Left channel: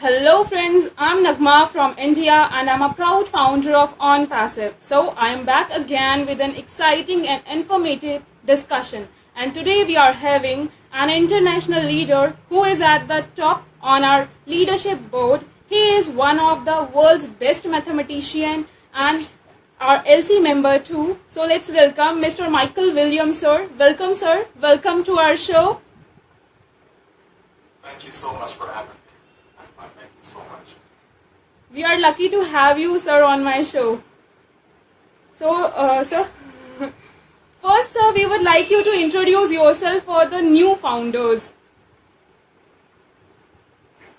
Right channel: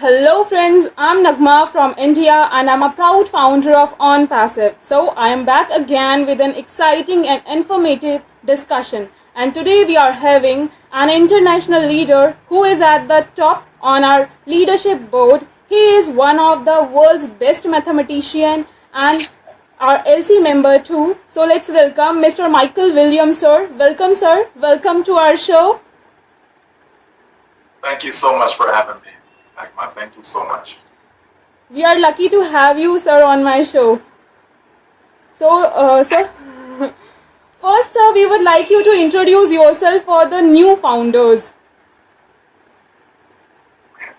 Hello friends, I'm Nagma from India and I'm a proud founder of Onpassive. So I am back again with an exciting and informative discussion. And today we are having an international leader who is at the top on our leadership board. He is one of the world's best mathematician and our LC member too. So let's welcome Mr. Michael Williams, sir. Welcome, sir. Welcome to our show. Thank you so much for having me, Nagma. Thank you so much. We are lucky to have you, sir, on my show. So, sir, first, sir, we would like you to introduce yourself for the new founders.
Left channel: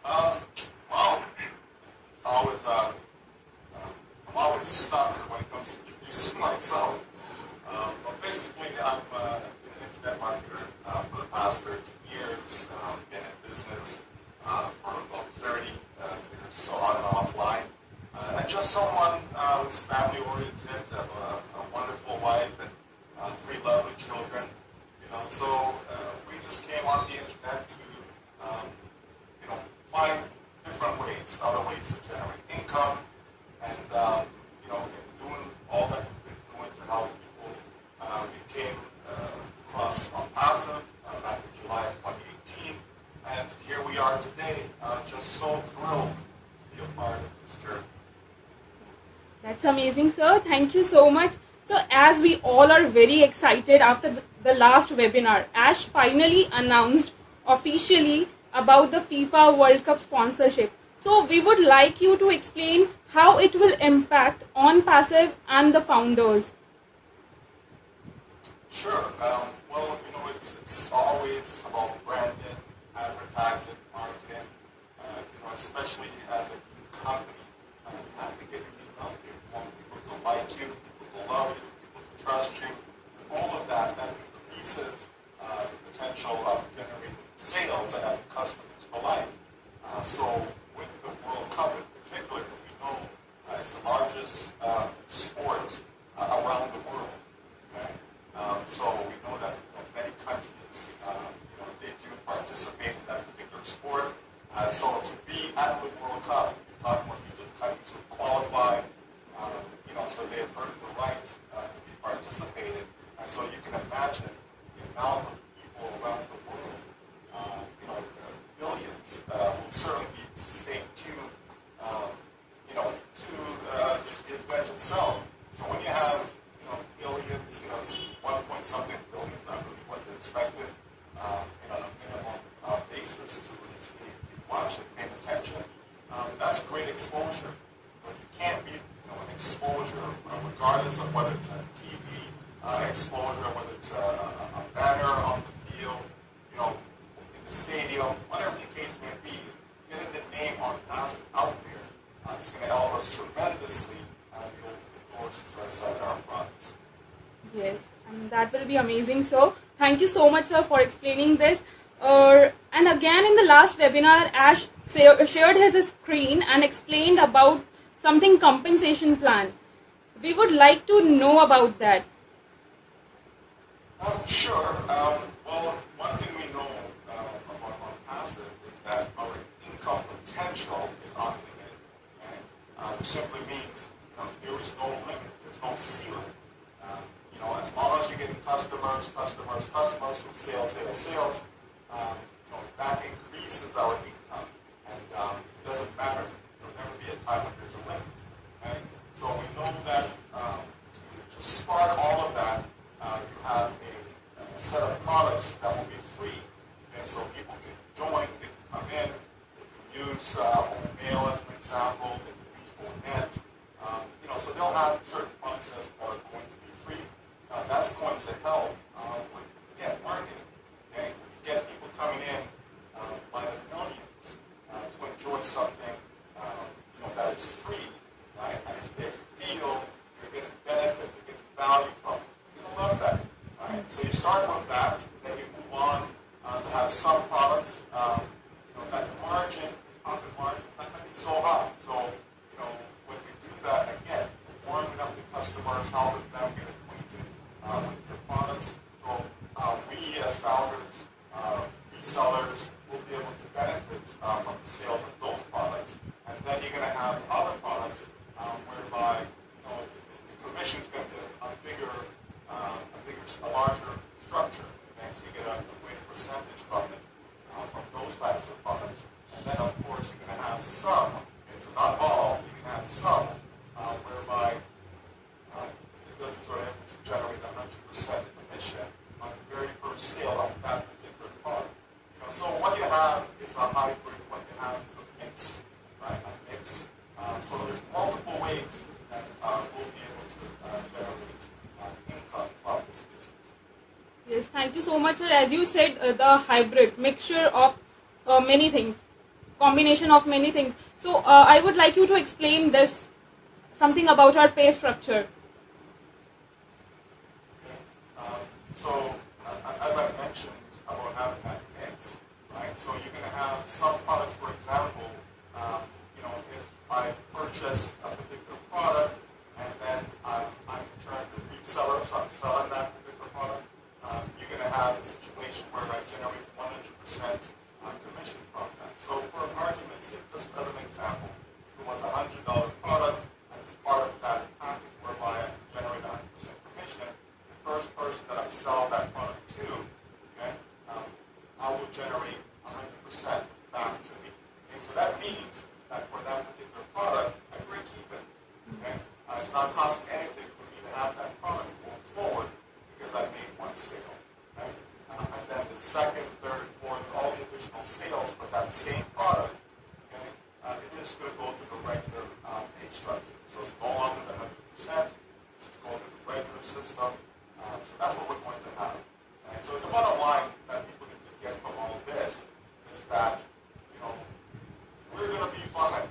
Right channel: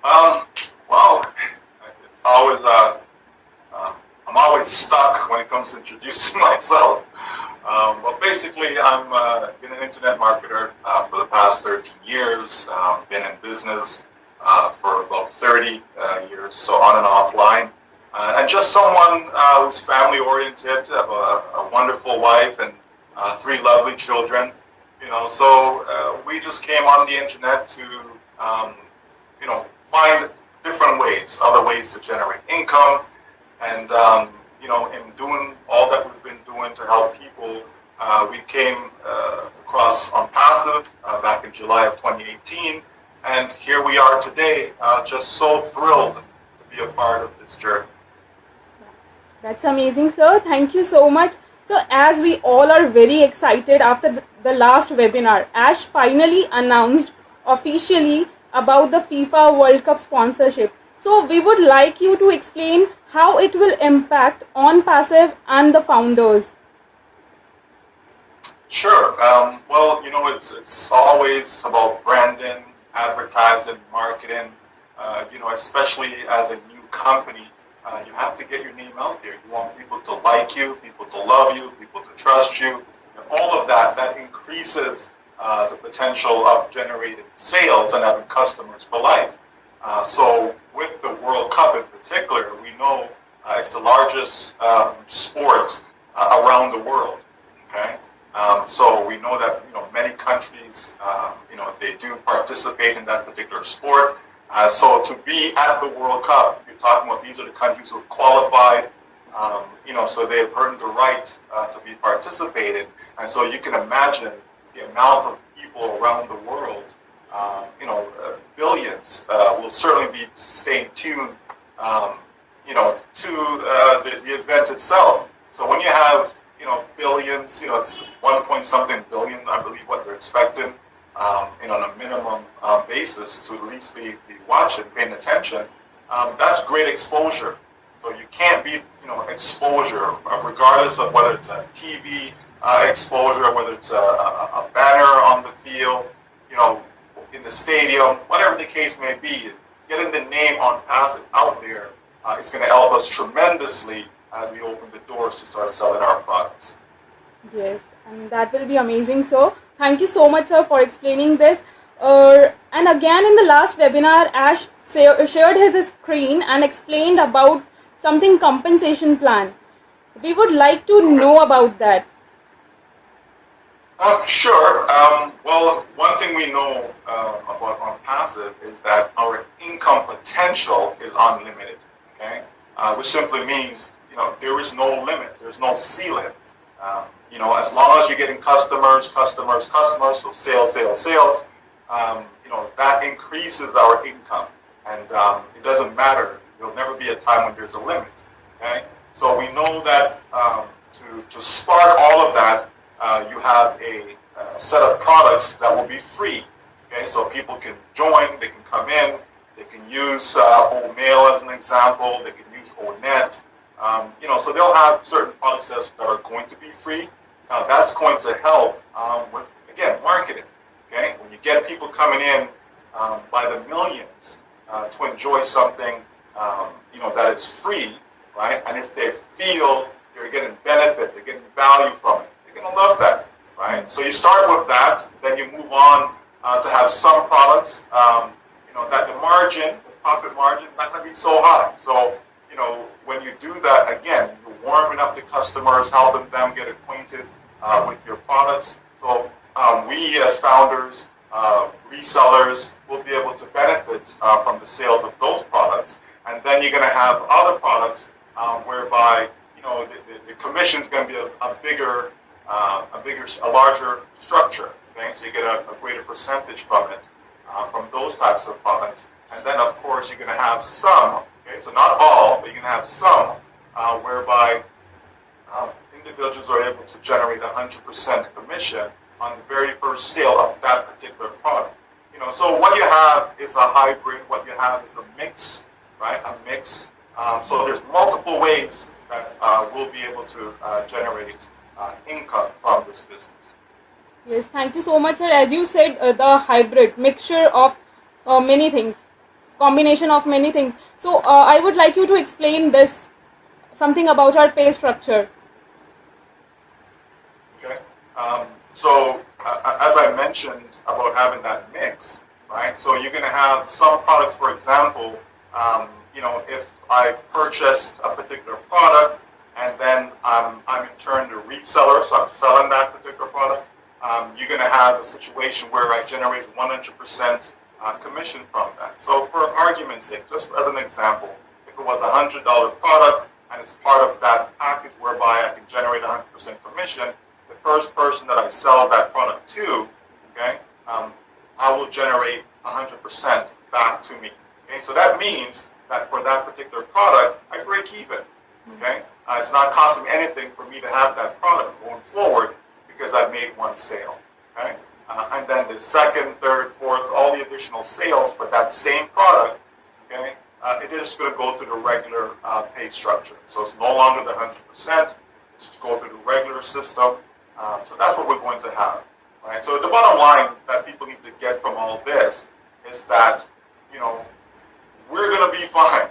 Well, it's always I'm always stuck when it comes to introducing myself. Well, basically, I'm been an internet marketer for the past 13 years. Been in business for about 30 years, so on and offline. And just someone who's family-oriented, have a wonderful wife and 3 lovely children. So we just came on the internet to, find different ways, other ways to generate income. And, in doing all that we've been doing to help people, we came across Onpassive back in July of 2018. And here we are today, just so thrilled to be a part of this journey. That's amazing, sir. Thank you so much. So, as we all are very excited after the last webinar, Ash finally announced officially about the FIFA World Cup sponsorship. So, we would like you to explain how it will impact Onpassive and the founders. Sure. Well, it's always about branding, advertising, marketing. Especially as a new company, you have to get your name out there. You want people to like you, people to love you, people to trust you, and all of that increases the potential of generating sales and having customers for life. So with the World Cup in particular, we know it's the largest sport around the world. Okay. So we know that many countries they do participate in that particular sport. So to be at the World Cup, you're talking about these are the countries who have qualified. So they've earned the right to be participating, and so you can imagine the amount of people around the world. Billions will certainly be staying tuned. To the event itself. So when you have billions, it's 1 point something billion, I believe, what they're expecting, on a minimum basis to at least be watching, paying attention. That's great exposure. So you can't beat, exposure, regardless of whether it's a TV exposure, whether it's a banner on the field, in the stadium, whatever the case may be. Getting the name Onpassive out there is going to help us tremendously as we open the doors to start selling our products. Yes, and that will be amazing. So, thank you so much, sir, for explaining this. And again, in the last webinar, Ash shared his screen and explained about something compensation plan. We would like to know about that. Sure. Well, one thing we know about Onpassive is that our income potential is unlimited. Okay, which simply means there is no limit. There's no ceiling. As long as you're getting customers, so sales, that increases our income, and it doesn't matter. There'll never be a time when there's a limit. Okay, so we know that to spark all of that, you have a set of products that will be free. Okay, so people can join, they can come in, they can use OMail as an example, they can use ONet. So they'll have certain products that are going to be free. That's going to help with, again, marketing. Okay, when you get people coming in by the millions to enjoy something, that is free, right? And if they feel they're getting benefit, they're getting value from it, they're going to love that, right? So you start with that, then you move on to have some products, that the profit margin, not going to be so high. So, when you do that, again, you're warming up the customers, helping them get acquainted with your products. So we as founders resellers will be able to benefit from the sales of those products, and then you're going to have other products whereby the commission is going to be a larger structure. Okay, so you get a greater percentage from it, from those types of products, and then of course you're going to have some. Okay, so not all, but you're going to have some whereby individuals are able to generate 100% commission on the very first sale of that particular product. So what you have is a hybrid. What you have is a mix, right? A mix. So there's multiple ways that we'll be able to generate income from this business. Yes, thank you so much, sir. As you said, the hybrid mixture of many things, combination of many things. So I would like you to explain this, something about our pay structure. Okay. So as I mentioned about having that mix, right? So you're going to have some products, for example, if I purchased a particular product and then I'm in turn the reseller, so I'm selling that particular product, you're going to have a situation where I generate 100% commission from that. So for argument's sake, just as an example, if it was a $100 product and it's part of that package whereby I can generate 100% commission, the first person that I sell that product to, okay, I will generate 100% back to me. Okay, so that means that for that particular product, I break even. Okay, it's not costing anything for me to have that product going forward because I made one sale. Okay, and then the second, third, fourth, all the additional sales for that same product, okay, it is going to go through the regular pay structure. So it's no longer the 100%. It's just go through the regular system. So that's what we're going to have. Right? So the bottom line that people need to get from all this is that, we're going to be fine.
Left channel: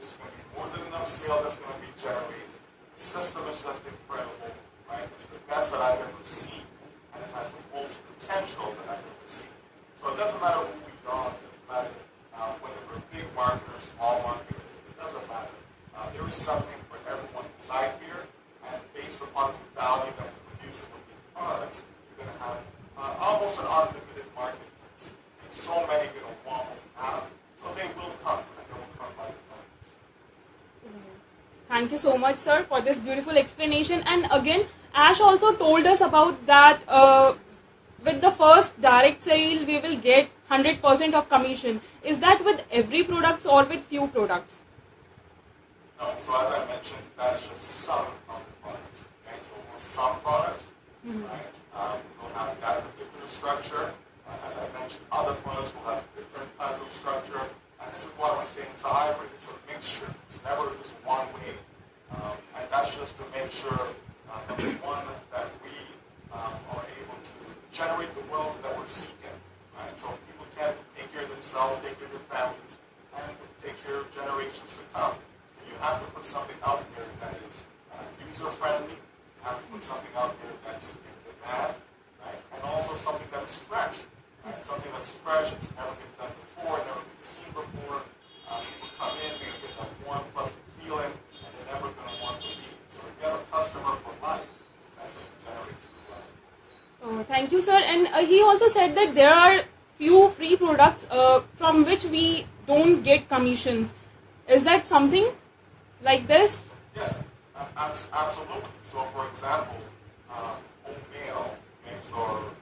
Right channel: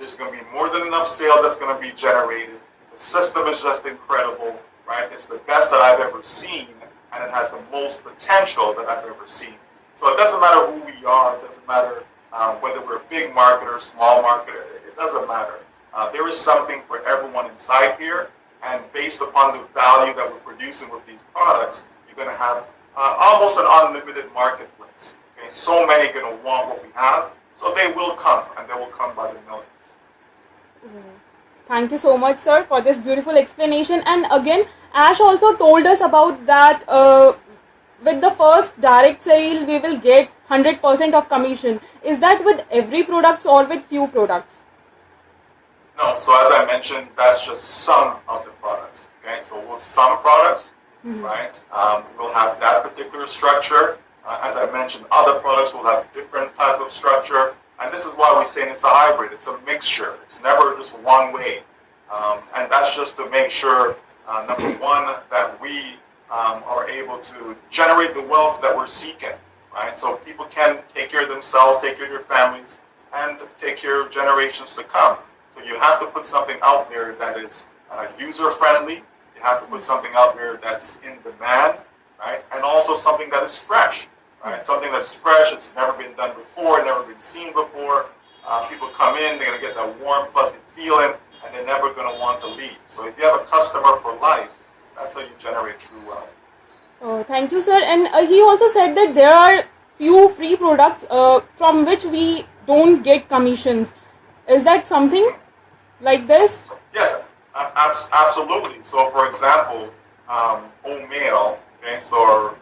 There's going to be more than enough sales that's going to be generated. The system is just incredible, right? It's the best that I've ever seen, and it has the most potential that I've ever seen. So it doesn't matter who we are. It doesn't matter whether we're a big marketer, small marketer. It doesn't matter. There is something for everyone inside here, and based upon the value that we're producing with these products, you're going to have almost an unlimited marketplace. Okay? So many are going to want what we have, so they will come, and they will come by the millions. Thank you so much, sir, for this beautiful explanation. And again, Ash also told us about that with the first direct sale, we will get 100% of commission. Is that with every product or with few products? No, so as I mentioned, that's just some of the products. Okay, so with some products, right, we'll have that particular structure. As I mentioned, other products will have different type of structure. And this is why we say it's a hybrid. It's a mixture. It's never just one way. And that's just to make sure, number one, that we are able to generate the wealth that we're seeking. Right? So people can take care of themselves, take care of their families, and take care of generations to come. So you have to put something out there that is user-friendly. You have to put something out there that's in demand, right? And also something that is fresh. Right? Something that's fresh, it's never been done before, never been seen before. People come in, they're going to get that warm, fuzzy feeling, and they're never going to want to leave. So if you have a customer for life, that's how you generate true wealth. Oh, thank you, sir. And he also said that there are few free products from which we don't get commissions. Is that something like this? Yes, absolutely. So for example, OMail, okay, so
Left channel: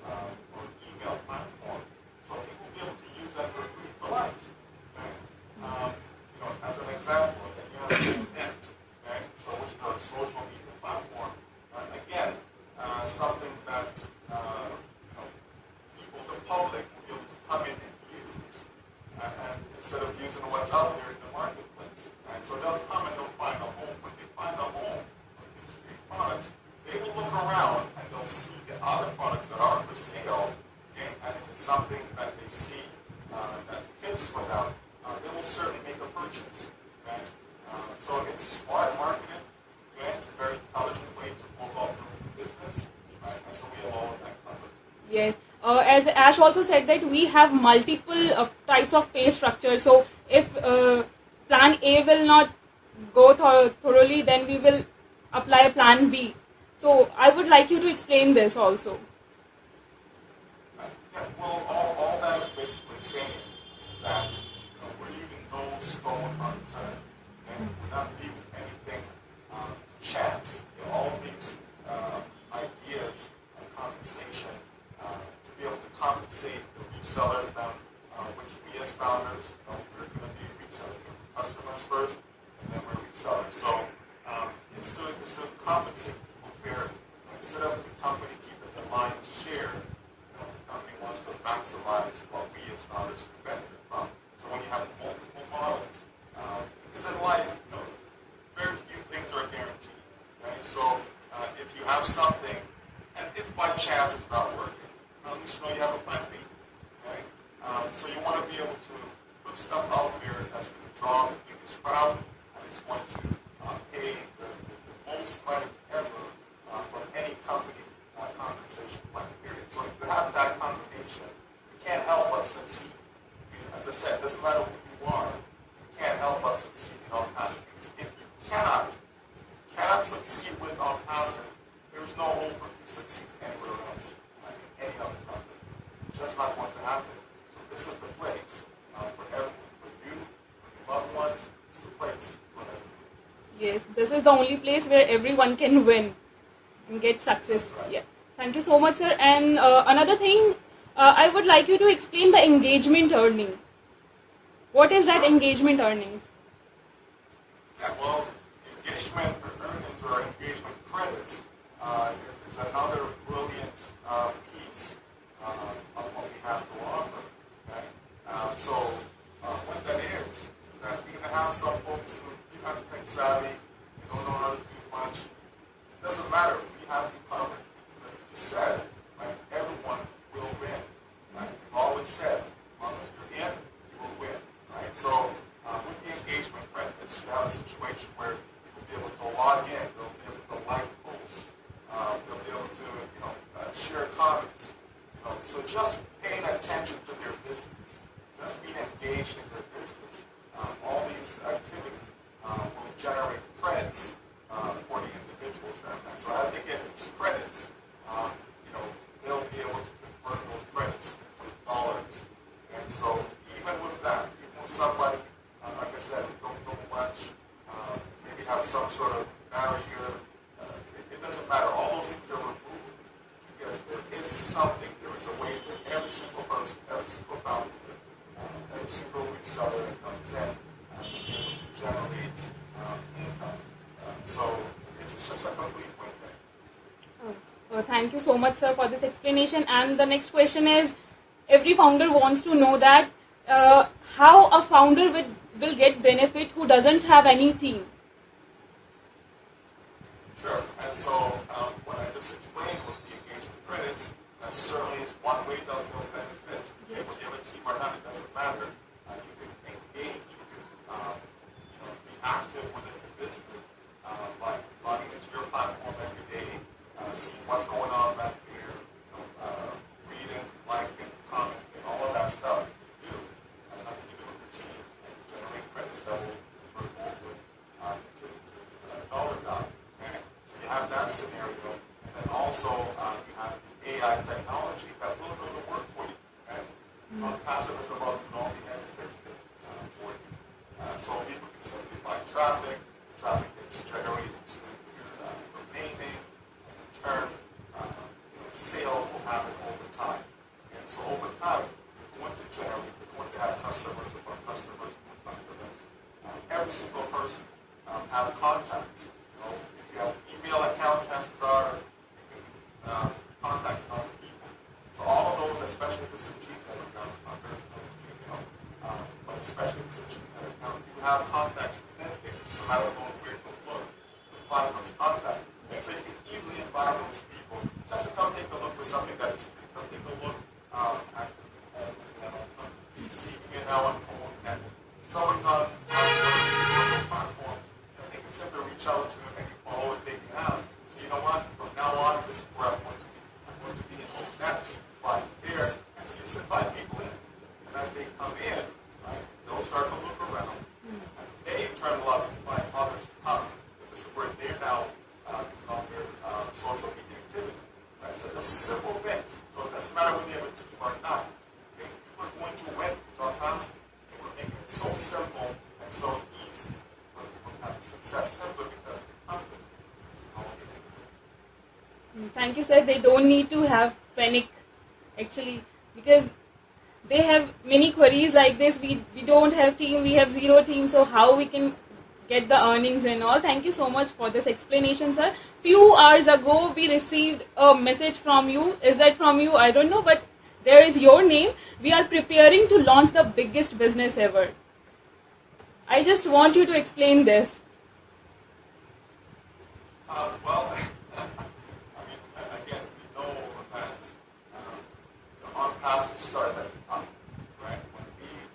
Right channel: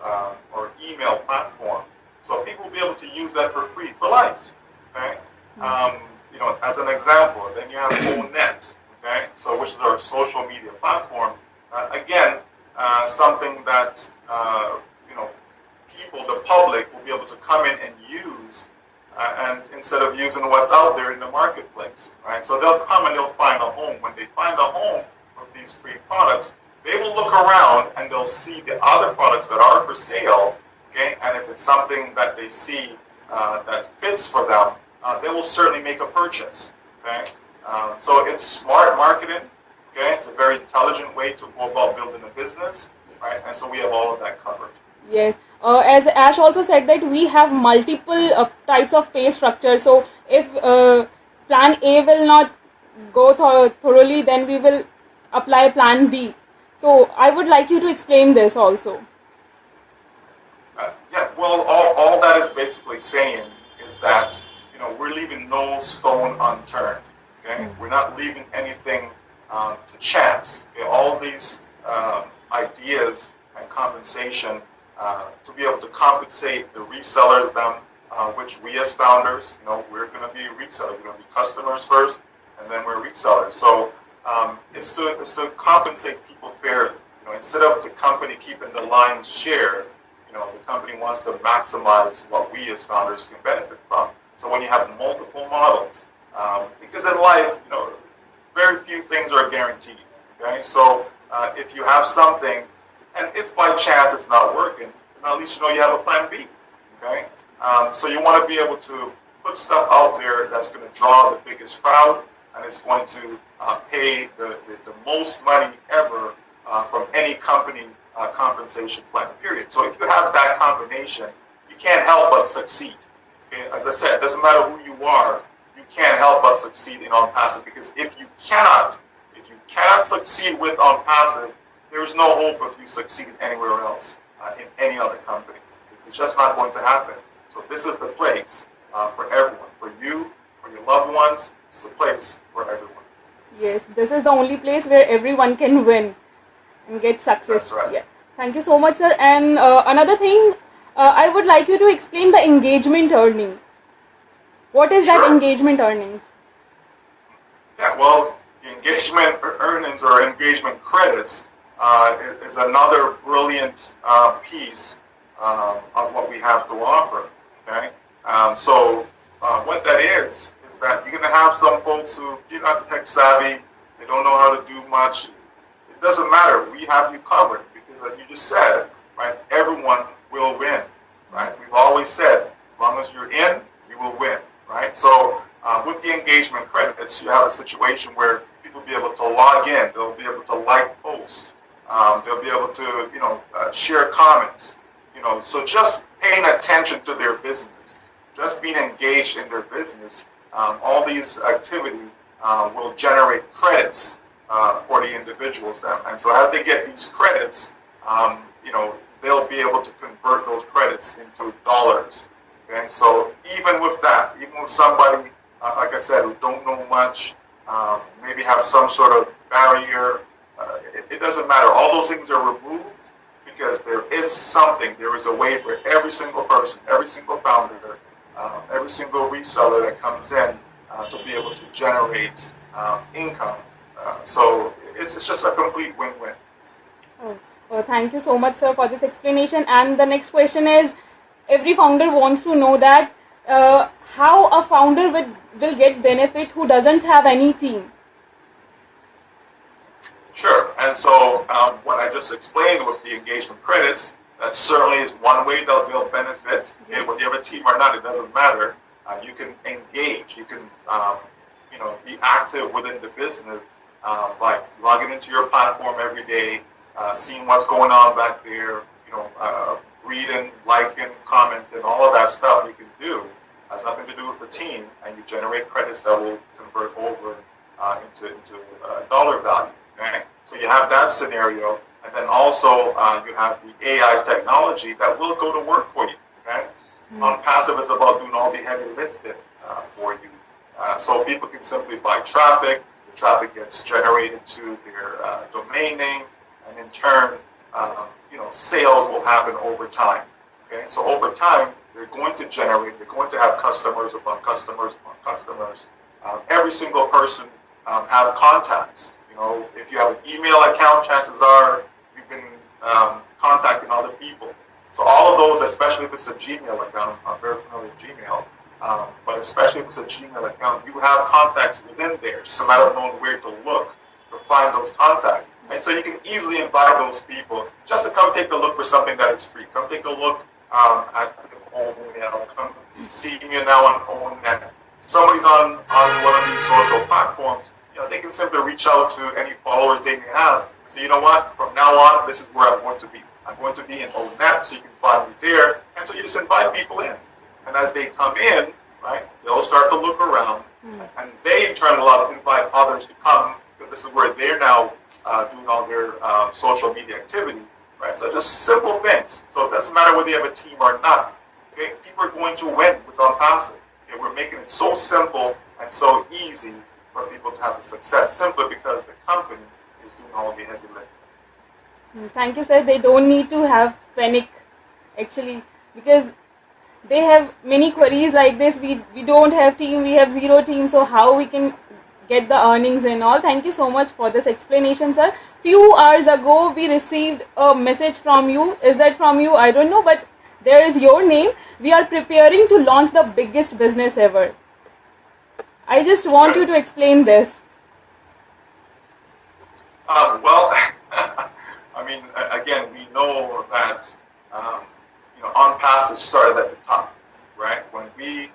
or email platform. So people will be able to use that for free for life. Okay, as an example, then you have ONet, okay, so which is our social media platform. Again, something that people, the public, will be able to come in and use, and instead of using what's out there in the marketplace, right? So they'll come and they'll find a home. When they find a home with these free products, they will look around and they'll see the other products that are for sale, okay? And if it's something that they see that fits for them, they will certainly make a purchase, okay? So it's smart marketing, okay? It's a very intelligent way to go about building a business, right? And so we have all of that covered. Yes. As Ash also said that we have multiple types of pay structure. So if plan A will not go thoroughly, then we will apply plan B. So I would like you to explain this also. Yeah, well, all that is basically saying is that we're leaving no stone unturned. Okay, we're not leaving anything to chance. Okay? All these ideas and compensation to be able to compensate the resellers down, which we as founders, we're going to be resellers. We're going to be customers first, and then we're resellers. So it's to compensate people fairly. Instead of the company keeping the lion's share, the company wants to maximize what we as founders can benefit from. So when you have multiple models, because in life, very few things are guaranteed. Okay, so if you have something, and if by chance it's not working, at least you have a plan B. Okay, so you want to be able to put stuff out there that's going to draw the biggest crowd, and it's going to pay the most money ever from any company compensation plan, period. So if you have that combination, you can't help but succeed. Okay? As I said, it doesn't matter who you are, you can't help but succeed in Onpassive, because if you cannot succeed with Onpassive, there is no hope of you succeeding anywhere else in any other company. It's just not going to happen. So this is the place for everyone, for you, for your loved ones. It's the place for everyone. Yes, this is the only place where everyone can win and get success. That's right. Yeah. Thank you so much, sir. And another thing, I would like you to explain the engagement earning. What is that engagement earnings? Yeah, well, engagement earnings or engagement credits is another brilliant piece of what we have to offer. Okay, so what that is that you're going to have some folks who are not tech savvy, they don't know how to do much. It doesn't matter. We have you covered because, like you just said, right? Everyone will win, right? We've always said, as long as you're in, you will win, right? So with the engagement credits, you have a situation where people will be able to log in, they'll be able to like posts, they'll be able to, share comments, So just paying attention to their business, just being engaged in their business, all these activities will generate credits for the individuals then. And so as they get these credits, they'll be able to convert those credits into dollars. Okay, so even with that, even with somebody, like I said, who don't know much, maybe have some sort of barrier, it doesn't matter. All those things are removed because there is a way for every single person, every single founder, every single reseller that comes in to be able to generate income. So it's just a complete win-win. Well, thank you so much, sir, for this explanation. And the next question is, every founder wants to know that how a founder will get benefit who doesn't have any team. Sure. And so what I just explained with the engagement credits, that certainly is one way that they'll benefit. Yes. Okay, whether you have a team or not, it doesn't matter. You can engage. You can, be active within the business, like logging into your platform every day, seeing what's going on back there, reading, liking, commenting, all of that stuff you can do. Has nothing to do with the team, and you generate credits that will convert over into dollar value. Okay? So you have that scenario, and then also you have the AI technology that will go to work for you. Okay? Onpassive is about doing all the heavy lifting for you. So people can simply buy traffic. The traffic gets generated to their domain name, and in turn, sales will happen over time. Okay, so over time, they're going to have customers upon customers upon customers. Every single person has contacts. If you have an email account, chances are you've been contacting other people. So all of those, especially if it's a Gmail account, I'm very familiar with Gmail, but especially if it's a Gmail account, you have contacts within there. It's just a matter of knowing where to look to find those contacts. And so you can easily invite those people just to come take a look for something that is free. Come take a look at the OMail. Come see me now on ONet. Somebody's on one of these social platforms. They can simply reach out to any followers they may have. So you know what? From now on, this is where I'm going to be. I'm going to be in ONet, so you can find me there. And so you just invite people in. And as they come in, right, they'll start to look around. And they, in turn, will invite others to come. Because this is where they're now doing all their social media activity. Right? So just simple things. So it doesn't matter whether you have a team or not. Okay, people are going to win with Onpassive. Okay, we're making it so simple and so easy for people to have the success simply because the company is doing all the heavy lifting. Thank you, sir. They don't need to have panic, actually, because they have many queries like this. We don't have team, we have zero team, so how we can get the earnings and all. Thank you so much for this explanation, sir. Few hours ago, we received a message from you. Is that from you? I don't know, but there is your name. We are preparing to launch the biggest business ever. I just want you to explain this. Well, I mean, again, we know that Onpassive started at the top, right? When we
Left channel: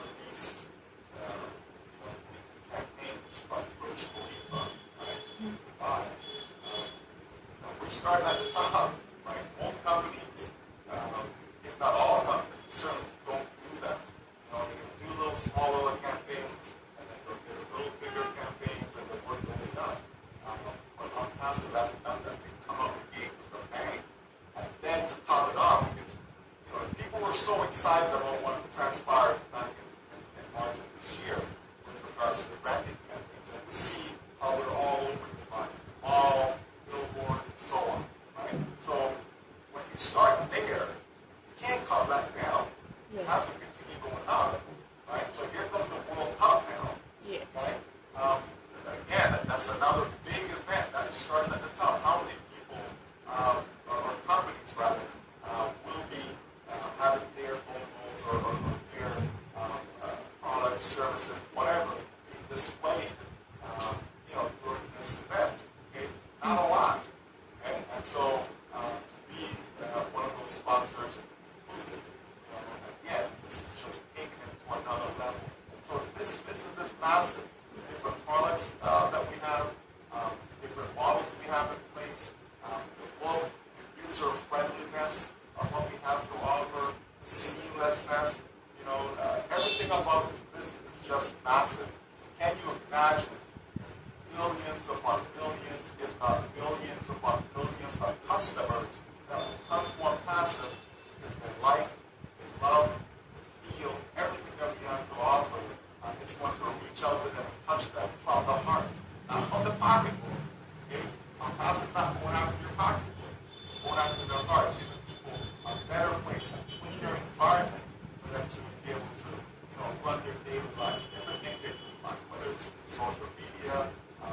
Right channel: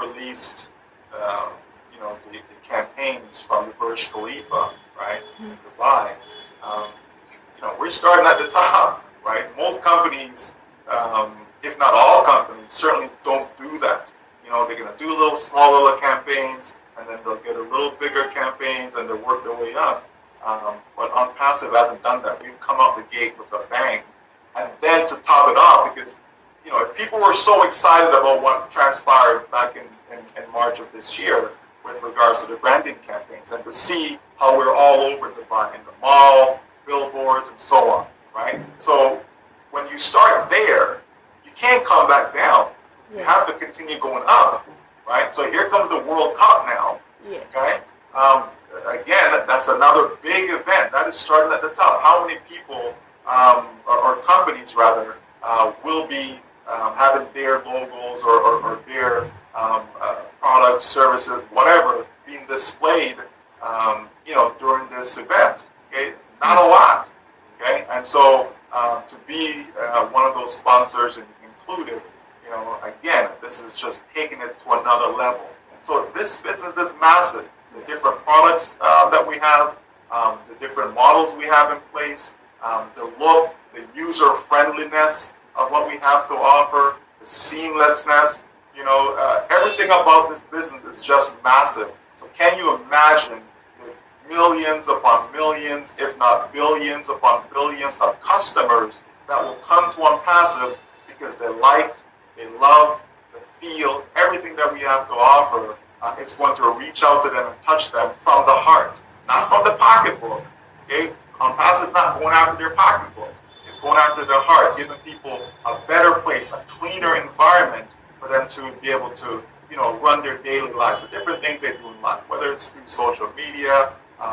released, the campaigns from the Burj Khalifa, right, in Dubai, we're starting at the top, right? Most companies, if not all companies, certainly don't do that. They're going to do small little campaigns, and then they'll get a little bigger campaigns, and they'll work their way up. But Onpassive hasn't done that. We've come out the gate with a bang. And then to top it off, because if people were so excited about what transpired back in March of this year with regards to the branding campaigns, and to see how we're all over Dubai, in the mall, billboards, and so on, right? So when you start there, you can't come back down. You have to continue going up, right? So here comes the World Cup now, okay? Again, that's another big event. That is starting at the top. How many people, or companies rather, will be having their logos or their products, services, whatever, being displayed, during this event? Okay, not a lot. Okay, and so to be one of those sponsors included, again, this is just taking it to another level. And so this business is massive. The different products that we have, the different models we have in place, the look, the user friendliness of what we have to offer, the seamlessness, everything about this business is just massive. So can you imagine the millions upon millions, if not billions upon billions of customers that will come to Onpassive because they like, they love, they feel everything that we have to offer. It's going to reach out to them and touch them from the heart, not from the pocketbook. Okay, Onpassive not going after their pocketbook. It's going after their heart, giving people a better place, a cleaner environment for them to be able to, run their daily lives, the different things they do in life, whether it's through social media,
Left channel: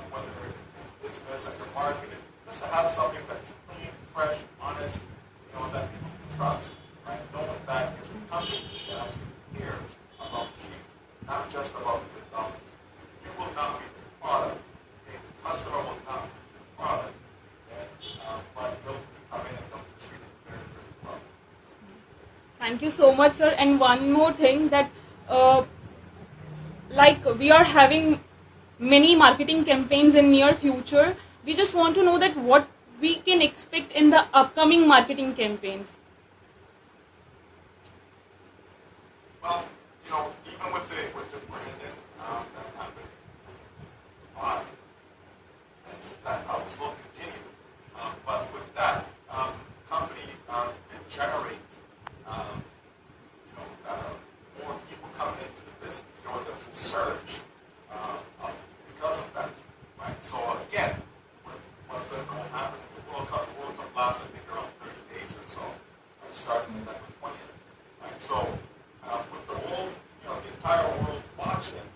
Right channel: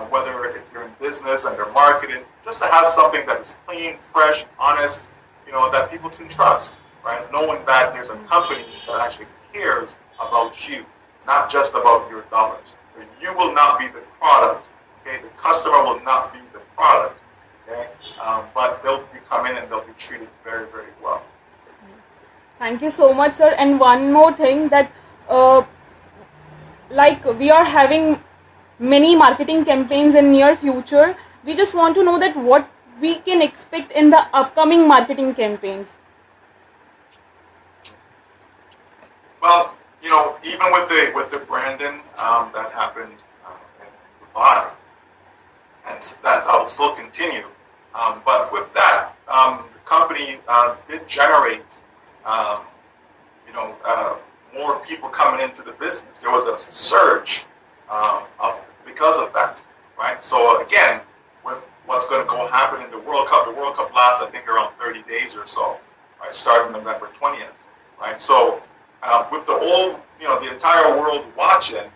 whether they're in business and they're marketing, just to have something that is clean, fresh, honest, that people can trust, right? Knowing that there's a company that actually cares about you, not just about your dollars. So you will not be the product, okay? The customer will not be the product, okay? But they'll be coming and they'll be treated very, very well. Thank you so much, sir. And one more thing, that we are having many marketing campaigns in near future. We just want to know that what we can expect in the upcoming marketing campaigns. Well, even with the branding that happened in Dubai, and that will still continue. But with that, the company did generate, more people coming into the business. There was a surge because of that, right? So again, with what's going to go happen in the World Cup lasts, I think, around 30 days or so, right? Starting November 20th, right? So with the whole, the entire world watching,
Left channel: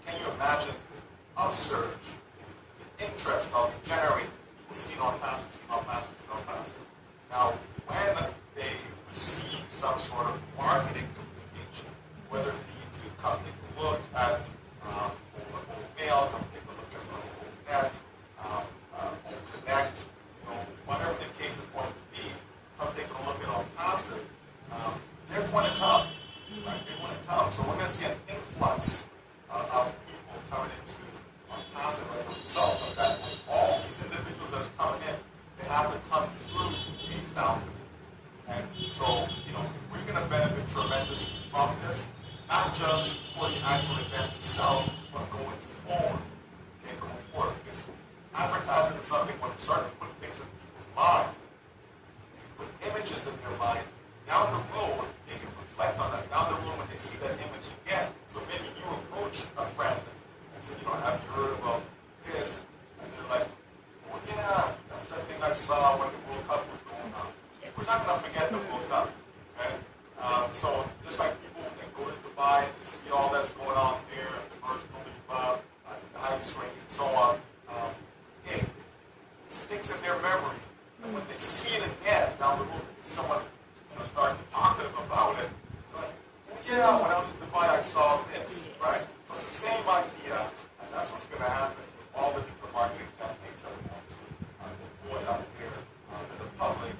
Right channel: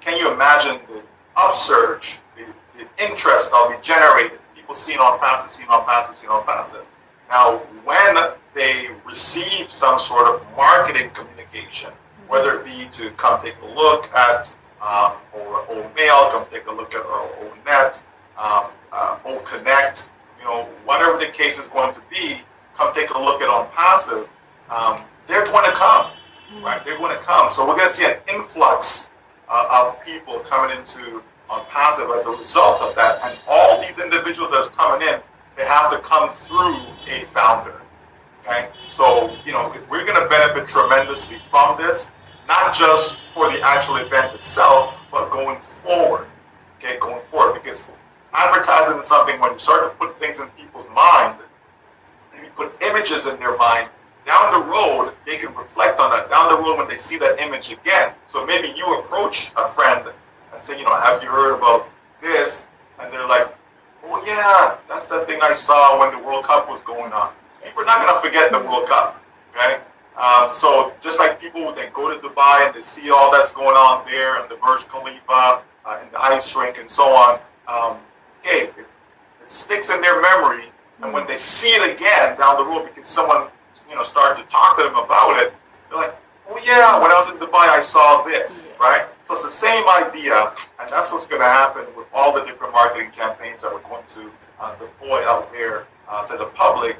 can you imagine the upsurge, the interest that will be generated? People seeing Onpassive. Now, when they receive some sort of marketing communication, whether it be to come take a look at or OMail, come take a look at our ONet, OConnect, whatever the case is going to be, come take a look at Onpassive. They're going to come, right? They're going to come. So we're going to see an influx of people coming into Onpassive as a result of that. And all these individuals that's coming in, they have to come through a founder. Okay? So, we're going to benefit tremendously from this, not just for the actual event itself, but going forward. Okay, going forward. Because advertising is something, when you start to put things in people's mind, you put images in their mind, down the road, they can reflect on that down the road when they see that image again. So maybe you approach a friend and say, have you heard about this? And they're like, oh yeah, that's the thing I saw when the World Cup was going on. We're not going to forget the World Cup, okay? So just like people, they go to Dubai and they see all that's going on there and the Burj Khalifa and the ice rink and so on, it sticks in their memory. And when they see it again down the road because someone, started to talk to them about it, they're like, oh yeah, when I was in Dubai, I saw this, right? So it's the same idea, and that's what's going to happen with all the different marketing campaigns that we're going to deploy out there to the public,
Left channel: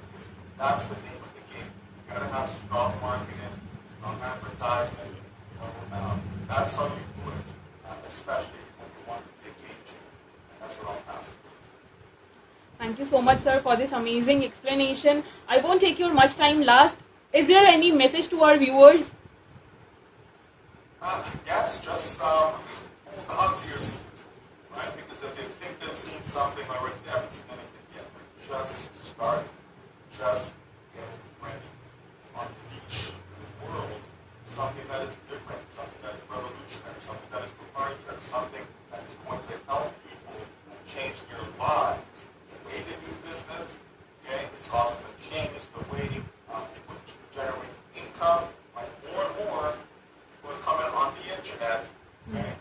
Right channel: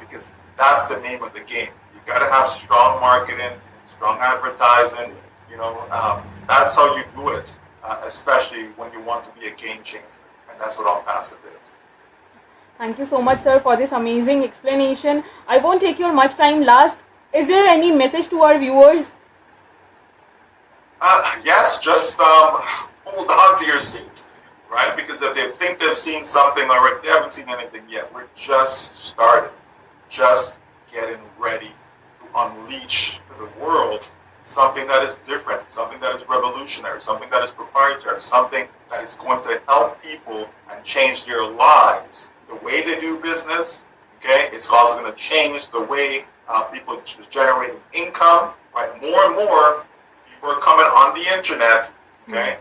because that's the name of the game. You've got to have strong marketing, strong advertising. That's how you do it, especially when you want to be a game changer, and that's what Onpassive is. Thank you so much, sir, for this amazing explanation. I won't take your much time. Last, is there any message to our viewers? Yes, just hold on to your seat, right? Because if they think they've seen something already, they haven't seen anything yet. We're just starting, just getting ready to unleash to the world something that is different, something that is revolutionary, something that is proprietary, something that is going to help people and change their lives. The way they do business, okay? It's also going to change the way people generate income, right? More and more people are coming on the internet, okay?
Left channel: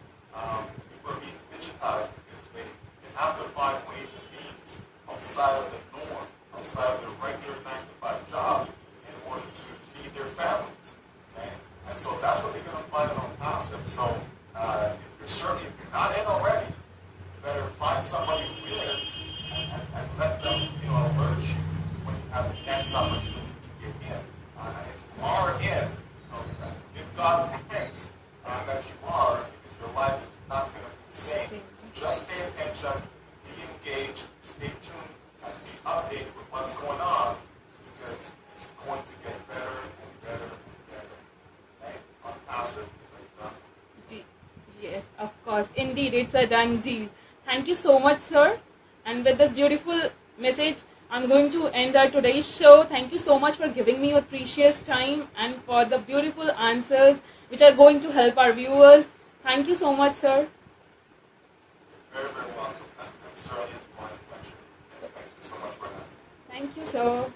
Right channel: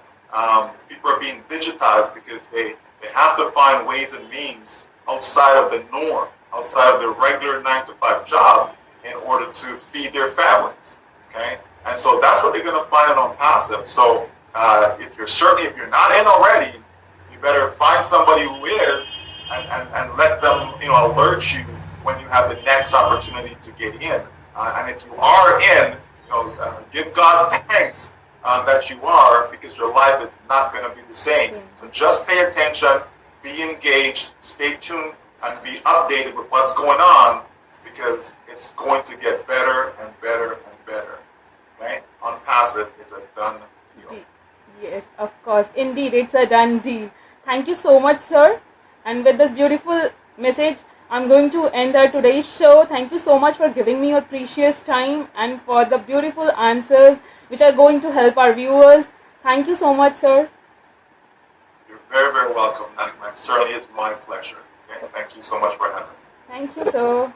People are being digitized because they have to find ways and means outside of the norm, outside of their regular 9-to-5 job in order to feed their families, okay? And so that's what they're going to find on Onpassive. So if you're not in already, you better find somebody who is, and let them, alert you when you have the next opportunity to get in. And if you are in, give God thanks that you are, because your life is not going to be the same. So just pay attention, be engaged, stay tuned, and be updated with what's going on, because it's going to get better and better and better. Okay? Onpassive is a done deal. Yes, of course. Indeed, it's a done deal. Thank you so much, sir. And with this beautiful message, I'm going to end our today's show. Thank you so much for giving me your precious time and for the beautiful answers which are going to help our viewers. Thank you so much, sir. You're very, very welcome, Naima. It certainly is my pleasure. Okay? Thank you so much for having me. Thank you, sir.